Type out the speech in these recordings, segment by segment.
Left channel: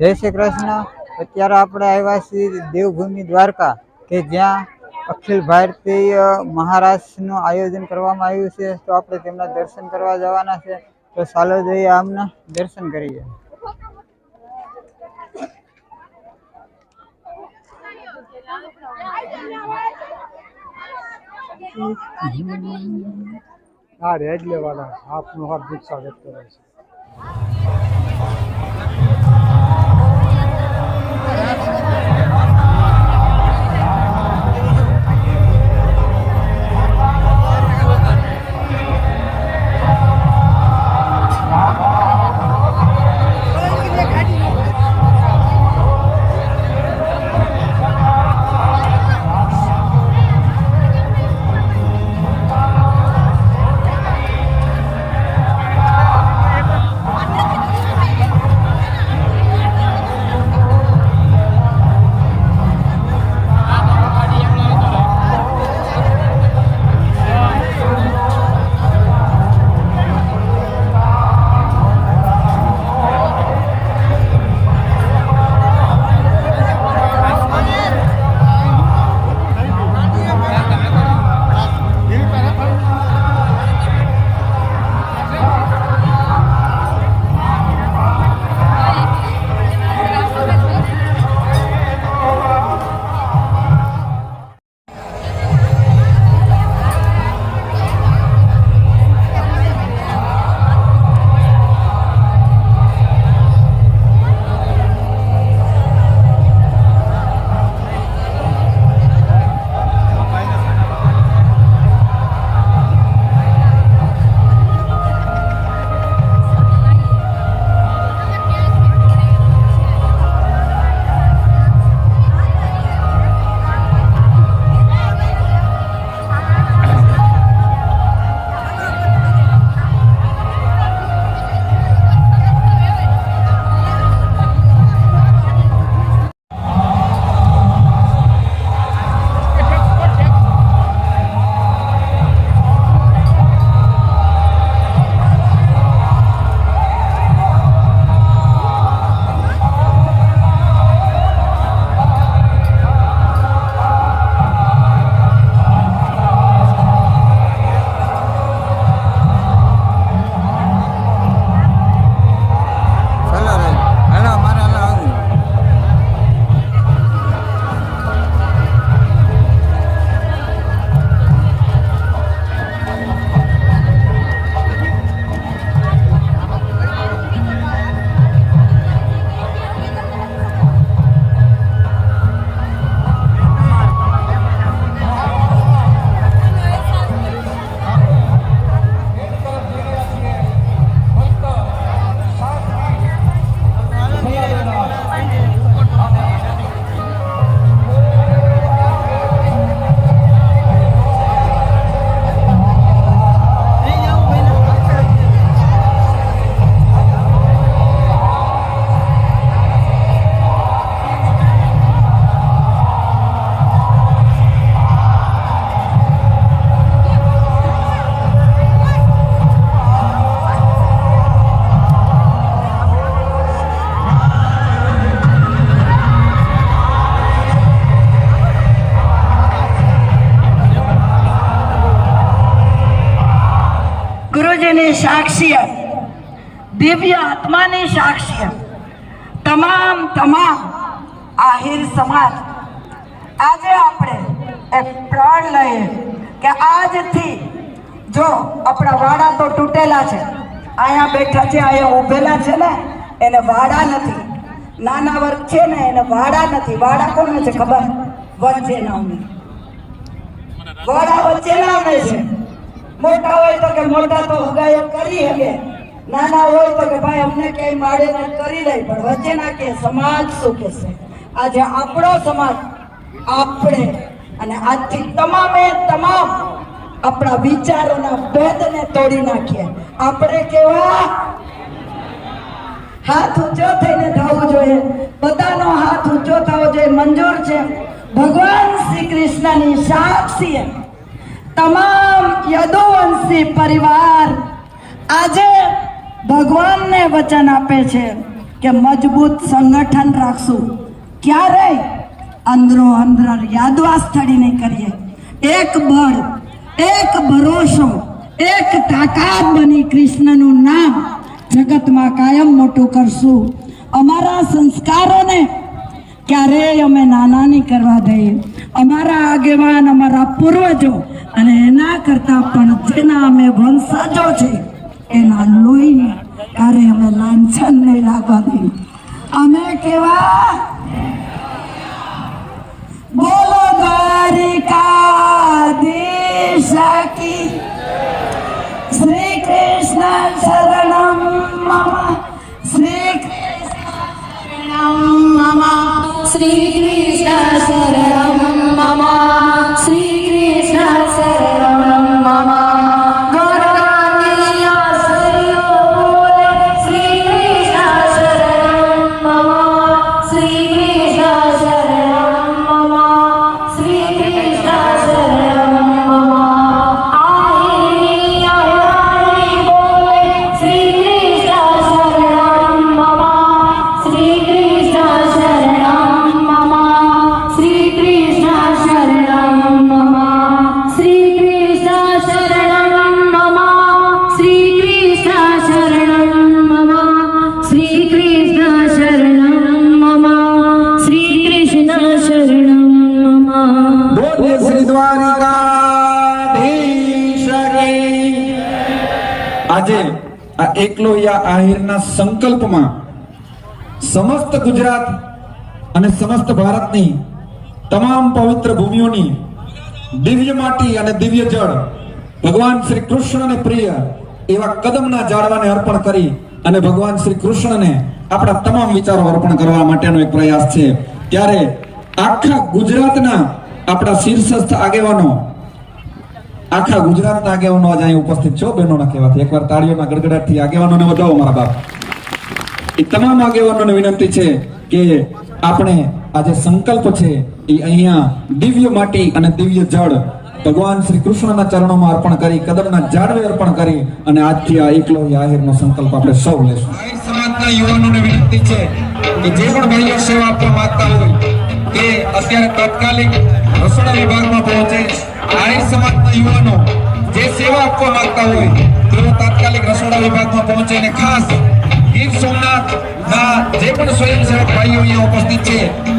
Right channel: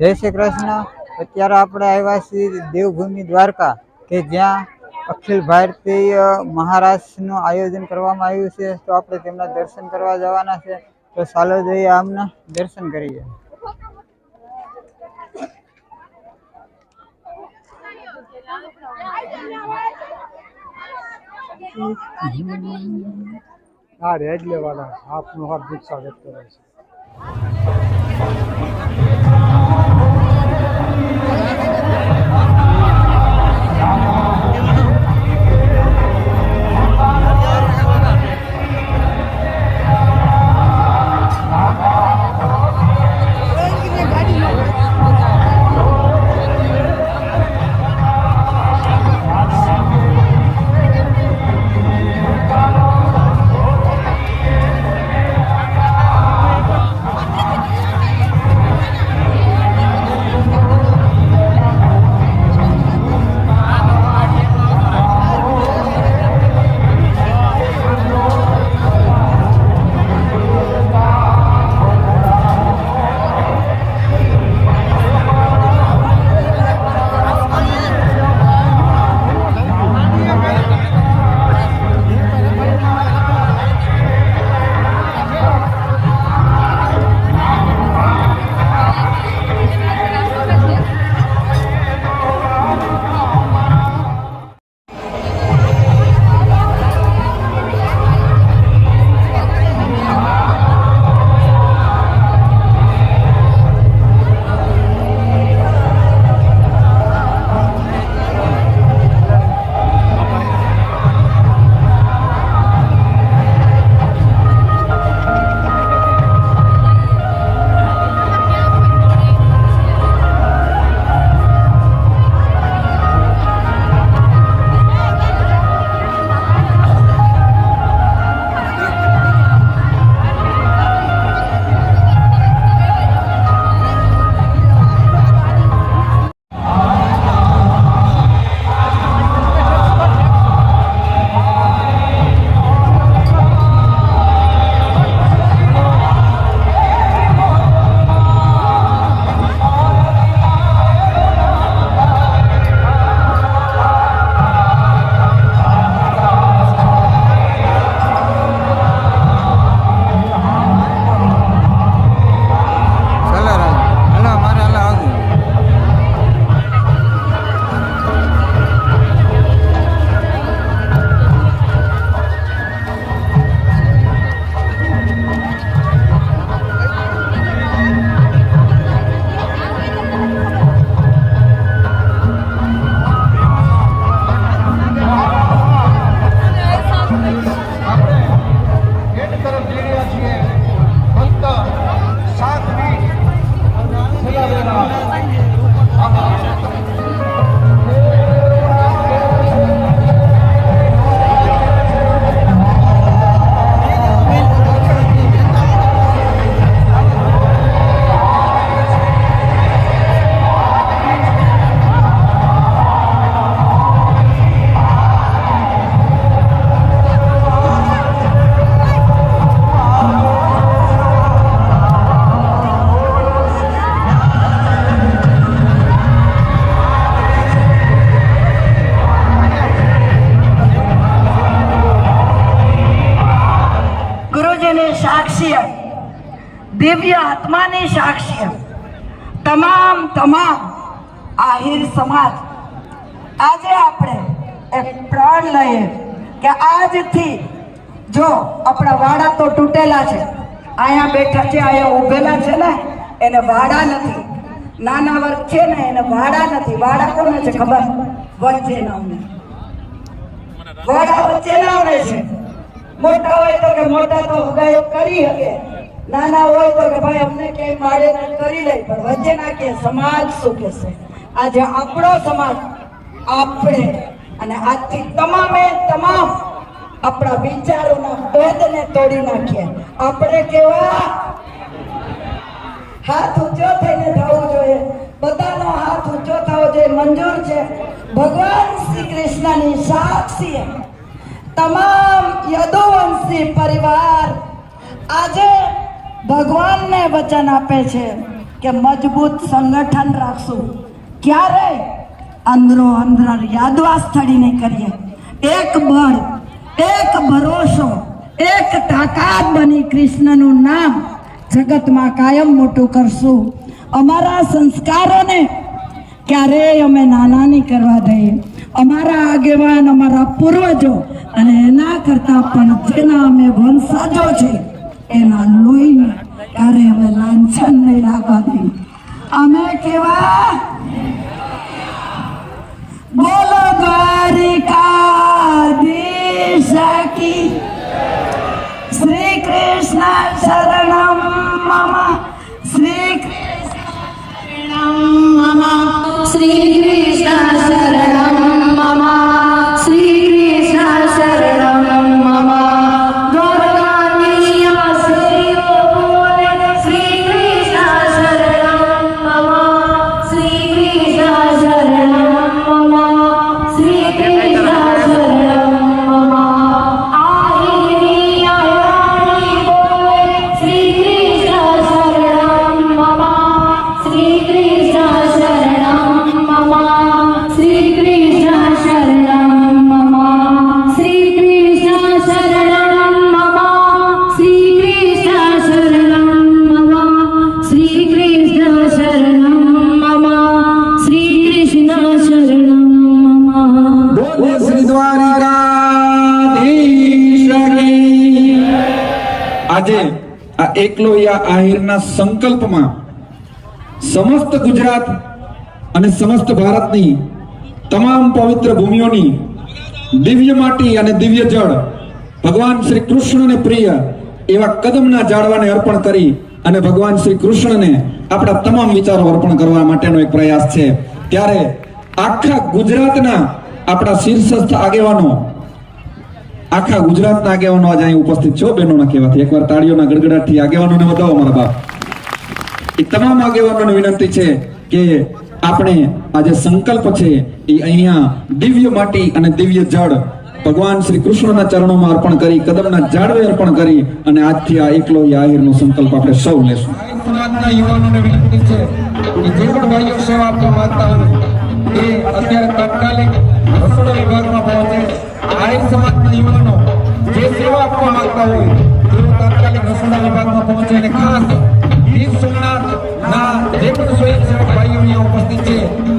જય શ્રી કૃષ્ણ। અત્યારે આપણે આવ્યા છીએ દેવભૂમિ દ્વારકા કે જ્યાં અખિલ ભારતીય મહારાષ્ટ્રનું આયોજન કરવામાં આવ્યું છે। તો આપણે તેમના દર્શન કરવા જવાના છે। તો ચાલો જઈએ આમના દર્શન કરીએ। આ રેડ લેવાના આપનું હાર્દિક સ્વાગત કરે છે। साक्ष्य दिव्य आत्मा ने साक्ष्य तमाम आहिर समाज आज आपणे एक प्रण लઈએ કે આજથી જો આપણા વાડા તો તૂટેલા છે, અહીંયા બેઠા છે, અહીંયા ઊભેલા છે ને એને વાડા નથી, નાના વર્ગ છે ને એને વાડા નથી। વાડા કોને છે ખબર? વચ્ચે નામની વાડા વચ્ચે નામે છે। મોટા હોય તો કે મોટા તો હગાયો કરી શકે, નાના હોય તો કે ભાઈ અમને કઈ માડે કરી લે, પણ વચ્ચેના કે સમાજ શું કહેશે? આજે આપણો સમાજ આપણે અને આજથી તમામે તમામ આપણા વિચારોના ભેદને તોડી નાખીએ। આપણે કેવા હાથ ઊંચો થઈને થવું જોઈએ, બધાનો હાથ ઊંચો થવો જોઈએ, મંજૂર છે। ભગવાન શ્રી કૃષ્ણની સાક્ષી તમામ યદુવંશી પરિવાર આજે ભગવાનને વચન આપે છે કે મજબૂત સંગઠન રાખશું. ક્યારે અંદરો અંદર યાદવા સ્થળી નહીં કરીએ. એક બળ, એક ભરોસો, એક તાકાત બની કૃષ્ણનું નામ જગતમાં કાયમ મોટું કરશું. અમારા સંસ્કારોને ક્યારેય અમે નાના નહીં કરવા દઈએ. અમારા આગેવાન, અમારા પૂર્વજો અને એના કરતા પણ જેના અમે વંશજો છે એના લોહીને ક્યારે અમે લાંછન નહીં લાગવા દઈએ. અમે કેવા બોલો દ્વારિકાધીશ કી શ્રી કૃષ્ણ શરણમ મમ શ્રી કૃષ્ણ મમ શ્રી કૃષ્ણ શરણમ મમ શ્રી કૃષ્ણ શરણમ મમ ગૌરવાણી આશ્રયો બોલે શ્રી કૃષ્ણ શરણમ મમ શ્રી કૃષ્ણ શરણમ મમ શ્રી કૃષ્ણ શરણમ મમ આઈ આઈ બોલે શ્રી કૃષ્ણ શરણમ મમ શ્રી કૃષ્ણ શરણમ મમ શ્રી કૃષ્ણ શરણમ મમ શ્રી કૃષ્ણ શરણમ મમ શ્રી કૃષ્ણ શરણમ મમ શ્રી કૃષ્ણ શરણમ મમ શ્રી કૃષ્ણ શરણમ મમ. બોલે શ્રી દ્વારિકાધીશ કી. આજે આ એકલોયા આહિરના સંકલ્પમાં સમસ્ત ગુજરાત અને સમસ્ત ભારતની તમામ પવિત્ર ભૂમિઓની દિવ્ય માટી અને દિવ્ય જળ ભગવાન શ્રી કૃષ્ણને પ્રિય એવા કદમના ઝાડવાને અર્પણ કરી અને ભગવાન શ્રી કૃષ્ણને આપણા તમામ વિચારો અર્પણ કરવા માટેનો એક પ્રયાસ છે. ત્યારે આખા ગુજરાતના આપણા શીર્ષસ્થ આગેવાનો, આખા ગુજરાતના આગેવાનો આજે અહીં ઉપસ્થિત છો. બહેનોના કહેવાથી એકવાર તાળીઓના ગડગડાટથી આગેવાનોને વધાવો મારા બાપ. એ તમામ આગેવાનોને વિનંતી છે કે આપણે આજે સંકલ્પ છે એ અહીંયા દિવ્ય માટી અને દિવ્ય જળ ભગવાન શ્રી કૃષ્ણના ચરણોમાં અર્પણ કરી, કદમના ઝાડવે અર્પણ કરી અને આજથી આ એકલોયા આહિરનો સંકલ્પ આપણે સૌ લેશું. આહિર સમાજના યુવાનોને વિનંતી છે કે જે પણ ભાઈઓ સેવા આપવા માંગતા હોય તે અત્યારે તાત્કાલિક રસોડા વિભાગમાં પહોંચે. આહિર સમાજના યુવાનો જે સેવા આપવા માંગતા હોય તેઓ તાત્કાલિક રસોડા વિભાગમાં પહોંચે. અને ખાસ ગીર સોમનાથ ના જે પણ સ્વયંસેવક ભાઈઓ અહીંયા ઉપસ્થિત છે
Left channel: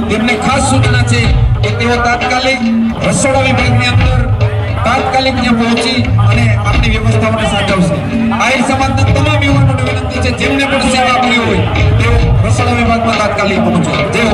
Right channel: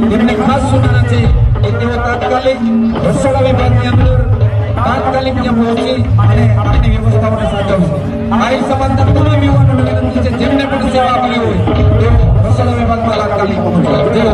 તેમને ખાસ સૂચના છે કે તેઓ તાત્કાલિક રસોડા વિભાગની અંદર તાત્કાલિક ત્યાં પહોંચી અને આપણી વ્યવસ્થાઓને સાચવશે. આહિર સમાજના તમામ યુવાનોને વિનંતી છે જેમને પણ સેવા આપવી હોય તેઓ રસોડા વિભાગમાં તાત્કાલિક પહોંચો. જેઓ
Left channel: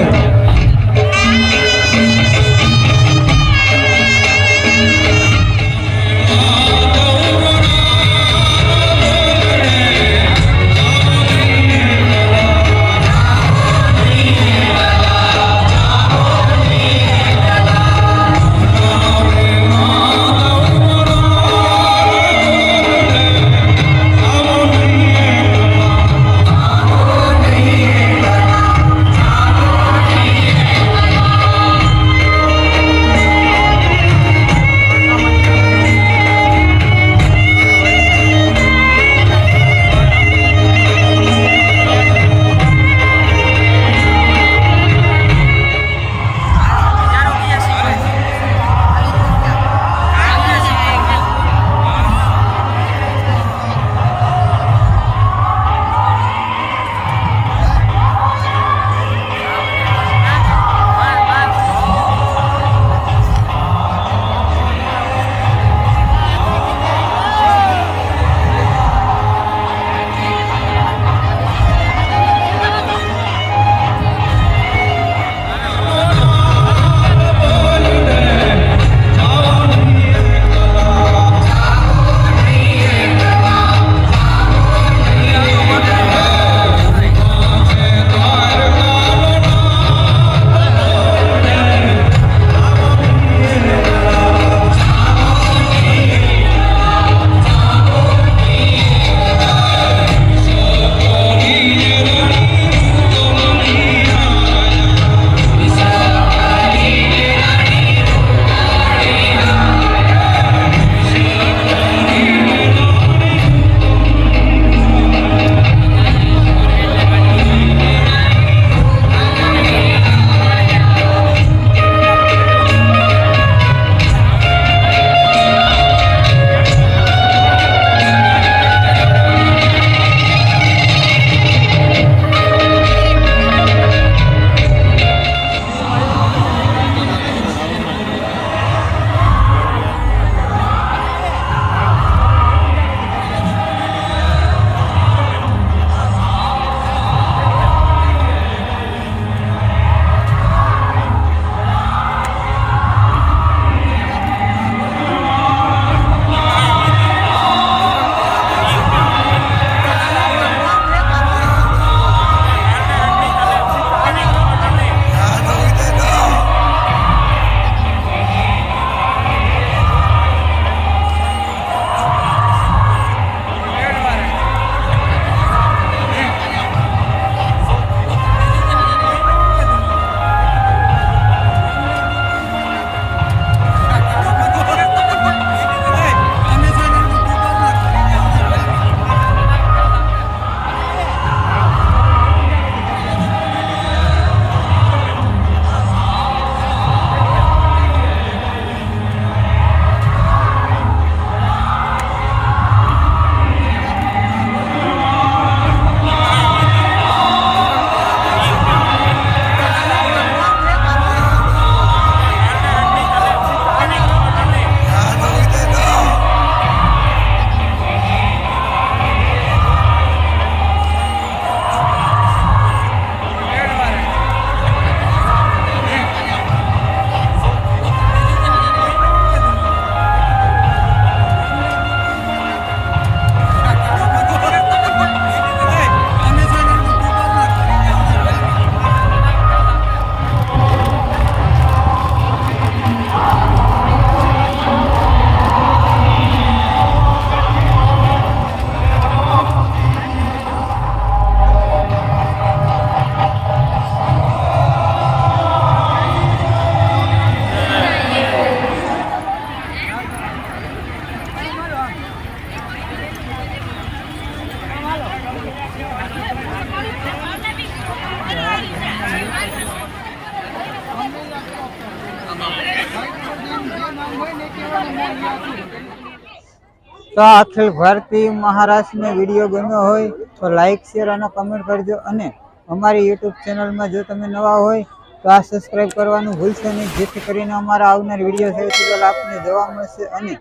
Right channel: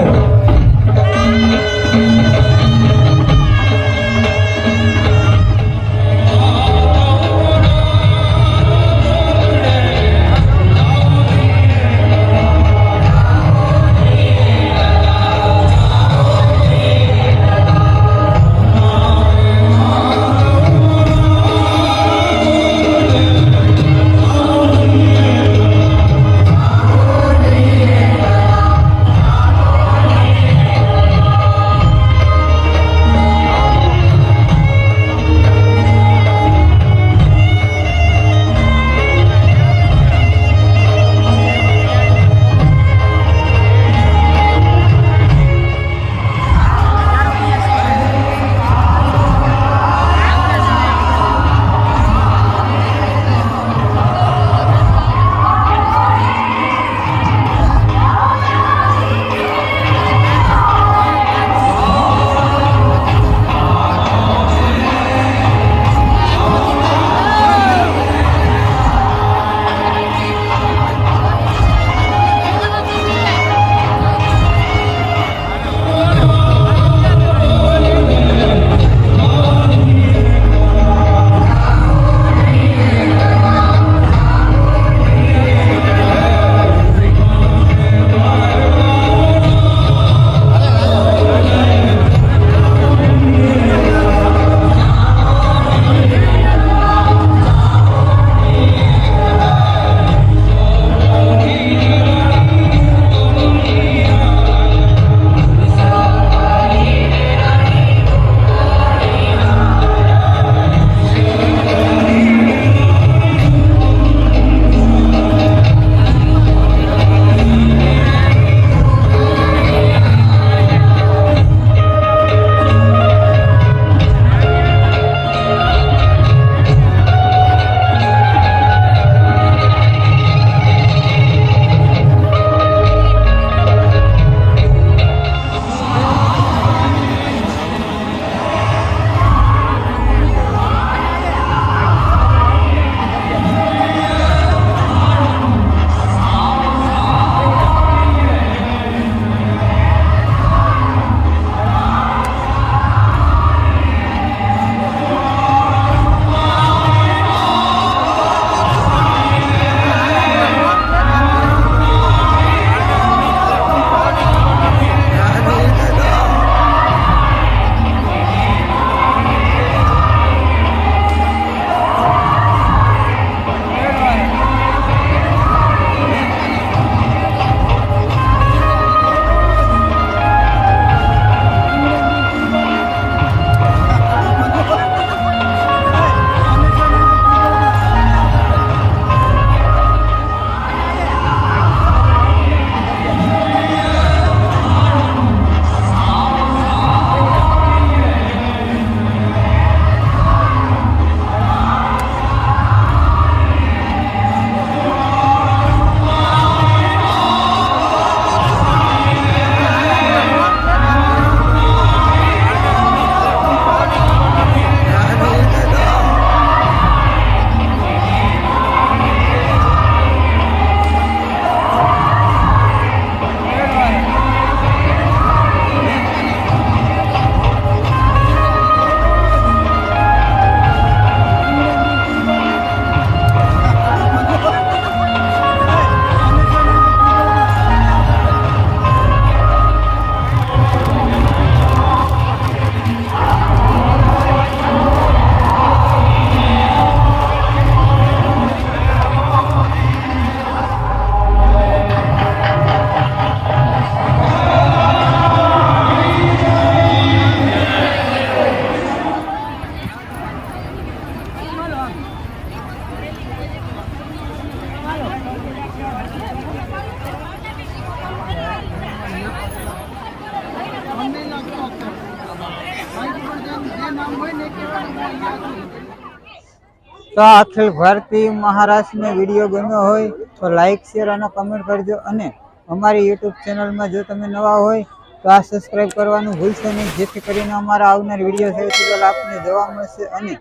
તો આ અખિલ ભારતીય મહારાષ્ટ્રનો વિડીયો ગમ્યો હોય તો લાઈક શેર અને કમેન્ટ કરજો અને અમારી યુટ્યુબ ચેનલમાં જો તમે નવા હોય તો આ સબસ્ક્રાઇબ કરવાનું ભૂલશો નહીં, જેથી કરીને અમારા આવનાર વિડીયો સૌથી પહેલા આપને જોવા મળશે. અને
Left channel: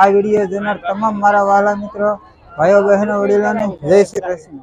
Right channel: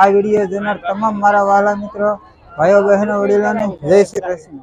આ વિડીયો જોનાર તમામ મારા વહાલા મિત્રો, ભાઈઓ બહેનો, વડીલોને જય શ્રી કૃષ્ણ.